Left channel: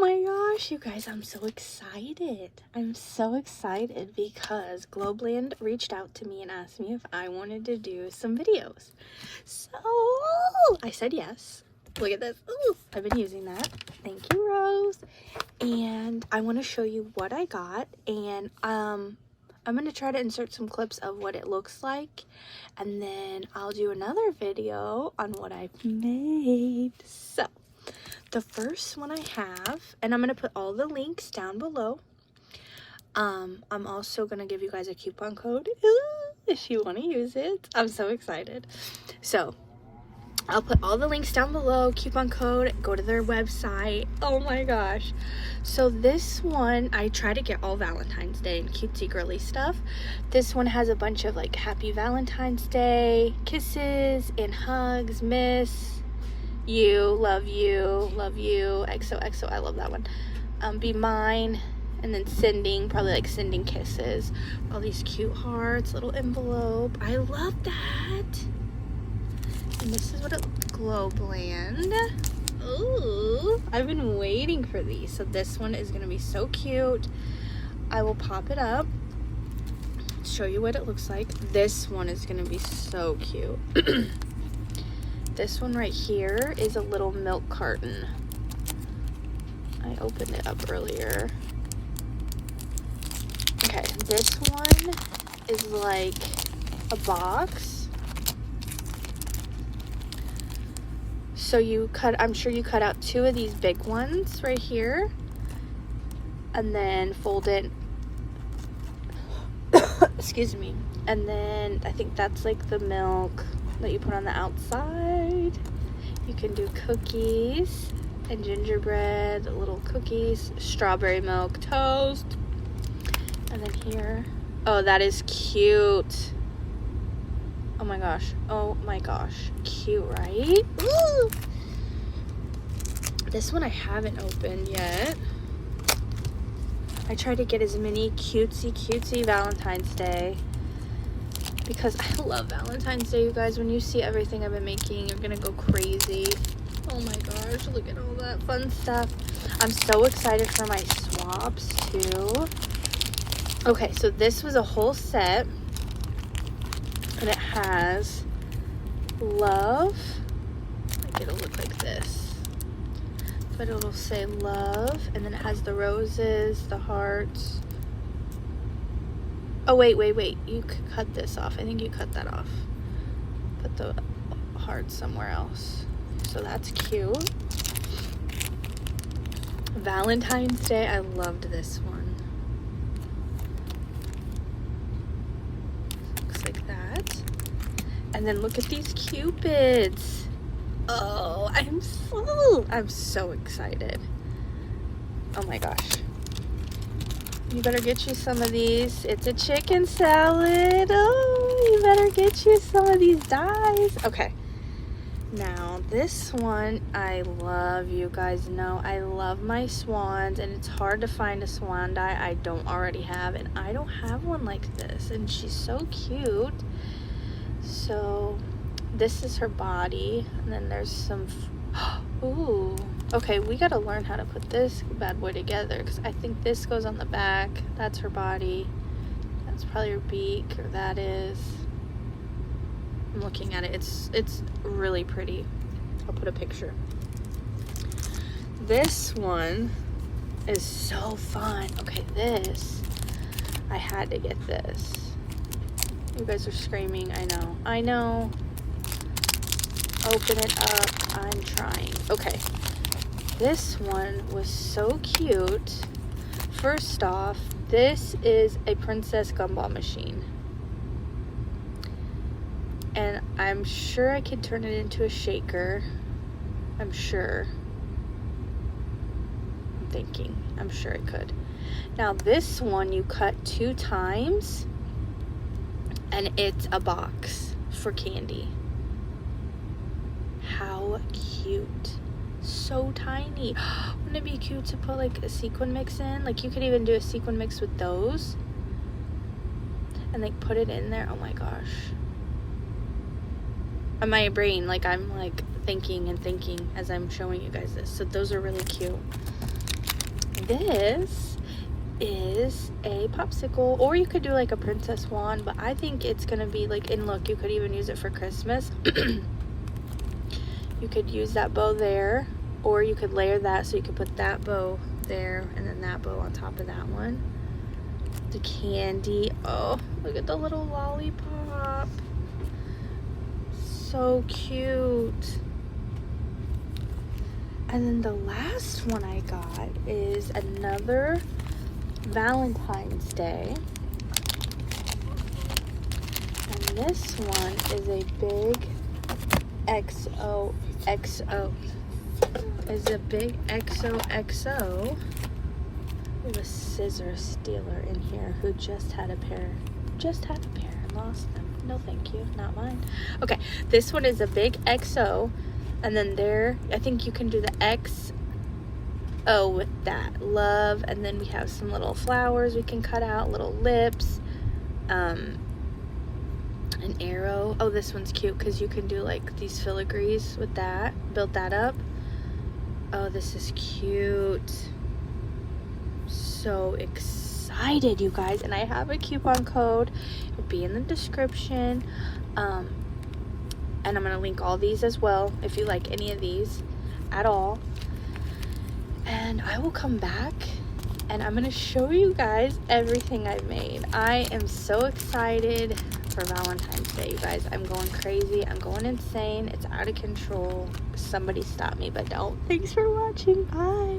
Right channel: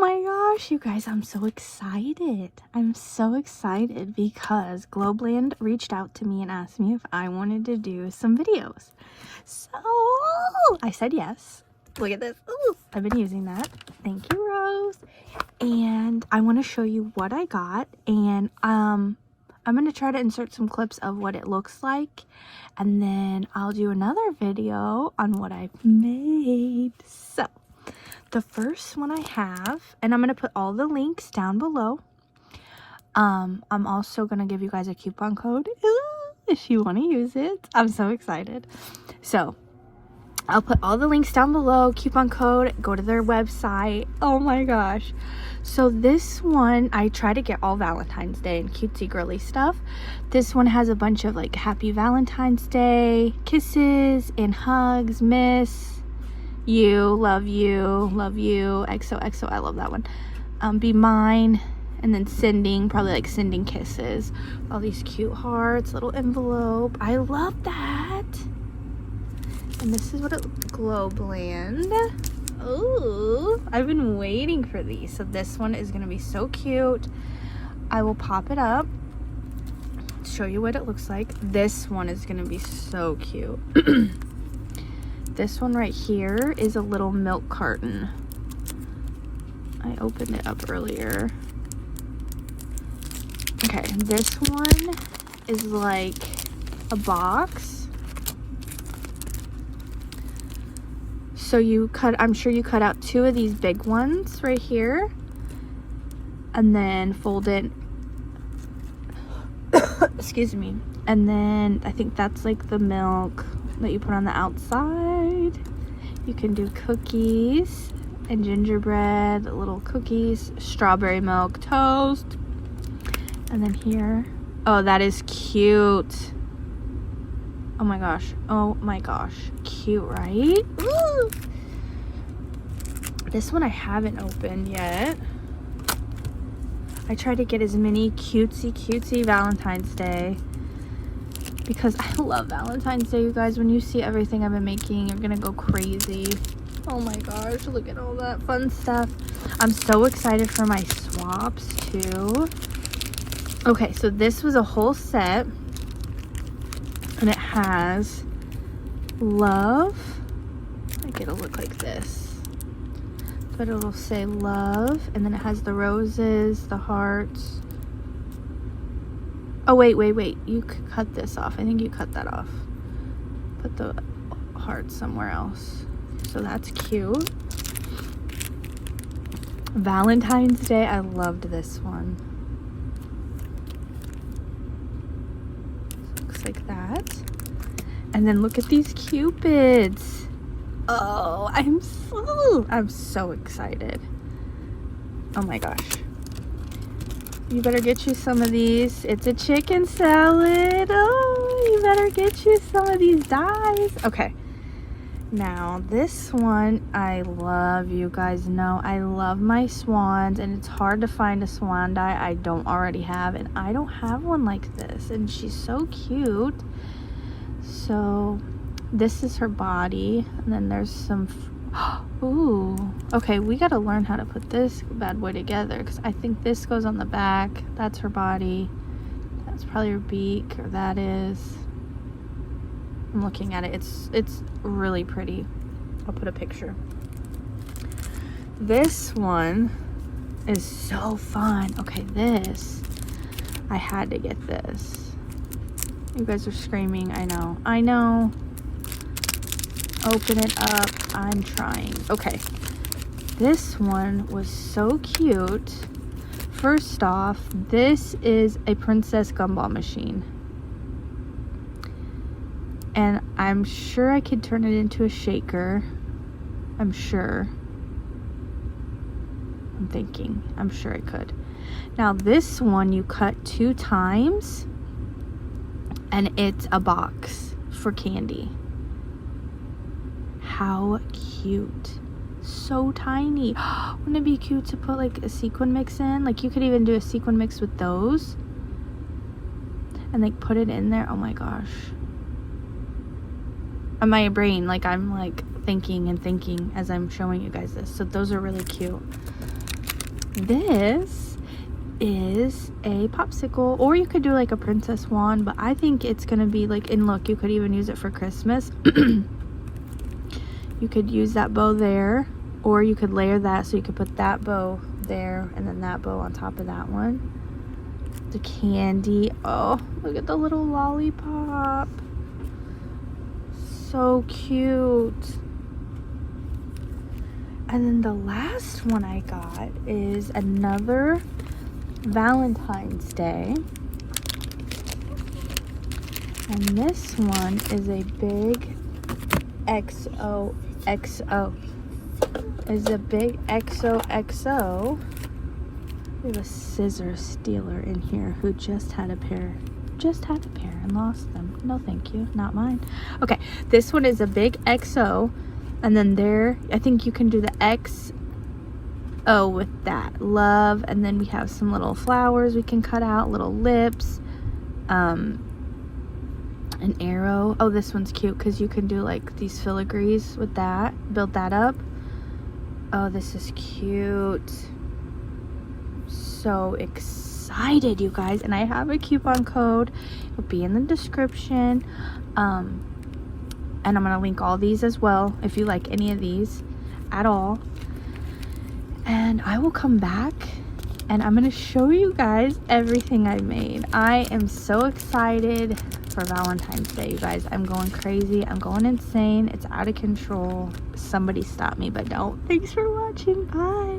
my gosh, you guys, I'm so excited. I'm so excited because Globleland reached out to me and asked me if I wanted to do some videos. So I said yes. Look at this. Ooh, I've been using that. Thank you, Rose. And I want to show you what I got, and I'm going to try to insert some clips of what it looks like, and then I'll do another video on what I've made. So the first one I have, and I'm going to put all the links down below. I'm also going to give you guys a coupon code if you want to use it. I'm so excited. So I'll put all the links down below, coupon code, go to their website. Oh my gosh. So this one, I try to get all Valentine's Day and cutesy girly stuff. This one has a bunch of like happy Valentine's Day, kisses and hugs, miss you, love you, XOXO, I love that one. Be mine, and then sending, probably like sending kisses. All these cute hearts, little envelope. I love that. And this is what it looks, Globleland. Ooh, I've been waiting for these. So this one is gonna be so cute. I will pop it up, show you what it looks like. This one is gonna be so cute. This one right here is a little milk carton. I opened it up earlier. Okay, this one is like a box. So you cut, I'm sure you cut out 2 of these big ones right here, and then fold it, excuse me, and then I think that's like the milk that you put on the outside. You can do cookies and gingerbread, little cookies, strawberry milk toast, and then here, oh, that is cute. Oh my gosh, cute, right? Ooh. This one I haven't opened yet. I try to get as many cutesy Valentine's Day, because I love Valentine's Day, you guys. When you see everything I've been making, you're gonna go crazy. Oh my gosh, look at all that fun stuff. I'm so excited for my swaps too. Okay, so this was a whole set, and it has love. It'll look like this, but it'll say love, and then it has the roses, the hearts. Oh wait, you could cut this off. I think you cut that off. Put the heart somewhere else. So that's cute. Valentine's Day, I loved this one. Looks like that. And then look at these cupids. Oh, I'm so excited. Oh my gosh. You better get you some of these. It's a chicken salad. Oh, you better get you some of these dies. Okay. Now, this one, I love. You guys know I love my swans, and it's hard to find a swan die I don't already have, and I don't have one like this, and she's so cute. So, this is her body, and then there's some, ooh. Okay, we gotta learn how to put this bad boy together, because I think this goes on the back. That's her body. That's probably her beak. That is. I'm looking at it. It's really pretty. I'll put a picture. This one is so fun. Okay, this. I had to get this. You guys are screaming. I know. Open it up. I'm trying. Okay. This one was so cute. First off, this is a princess gumball machine. And I'm sure I could turn it into a shaker. I'm sure. I'm sure I could. Now this one you cut 2 times, and it's a box for candy. How cute. So tiny. Wouldn't it be cute to put like a sequin mix in? Like you could even do a sequin mix with those and like put it in there. Oh my gosh. On my brain, like I'm like thinking as I'm showing you guys this. So those are really cute. this is a popsicle, or you could do like a princess wand, but I think it's gonna be like, and look, you could even use it for Christmas. You could use that bow there, or you could layer that, so you could put that bow there and then that bow on top of that one. The candy, oh, look at the little lollipop, so cute. And then the last one I got is another Valentine's Day. And this one is a big XOXO. Is a big XOXO. We have a scissor stealer in here who just had a pair and lost them. No thank you, not mine. Okay, this one is a big XO, and then there, I think you can do the XO with that, love, and then we have some little flowers we can cut out, little lips, an arrow. Oh, this one's cute because you can do like these filigrees with that, build that up. Oh, this is cute. So excited, you guys, and I have a coupon code. It'll be in the description, and I'm gonna link all these as well if you like any of these at all. And I will come back and I'm gonna show you guys everything I made. I am so excited for Valentine's Day, you guys. I'm going crazy, I'm going insane, it's out of control. Somebody stop me, but no. Thanks for watching, bye.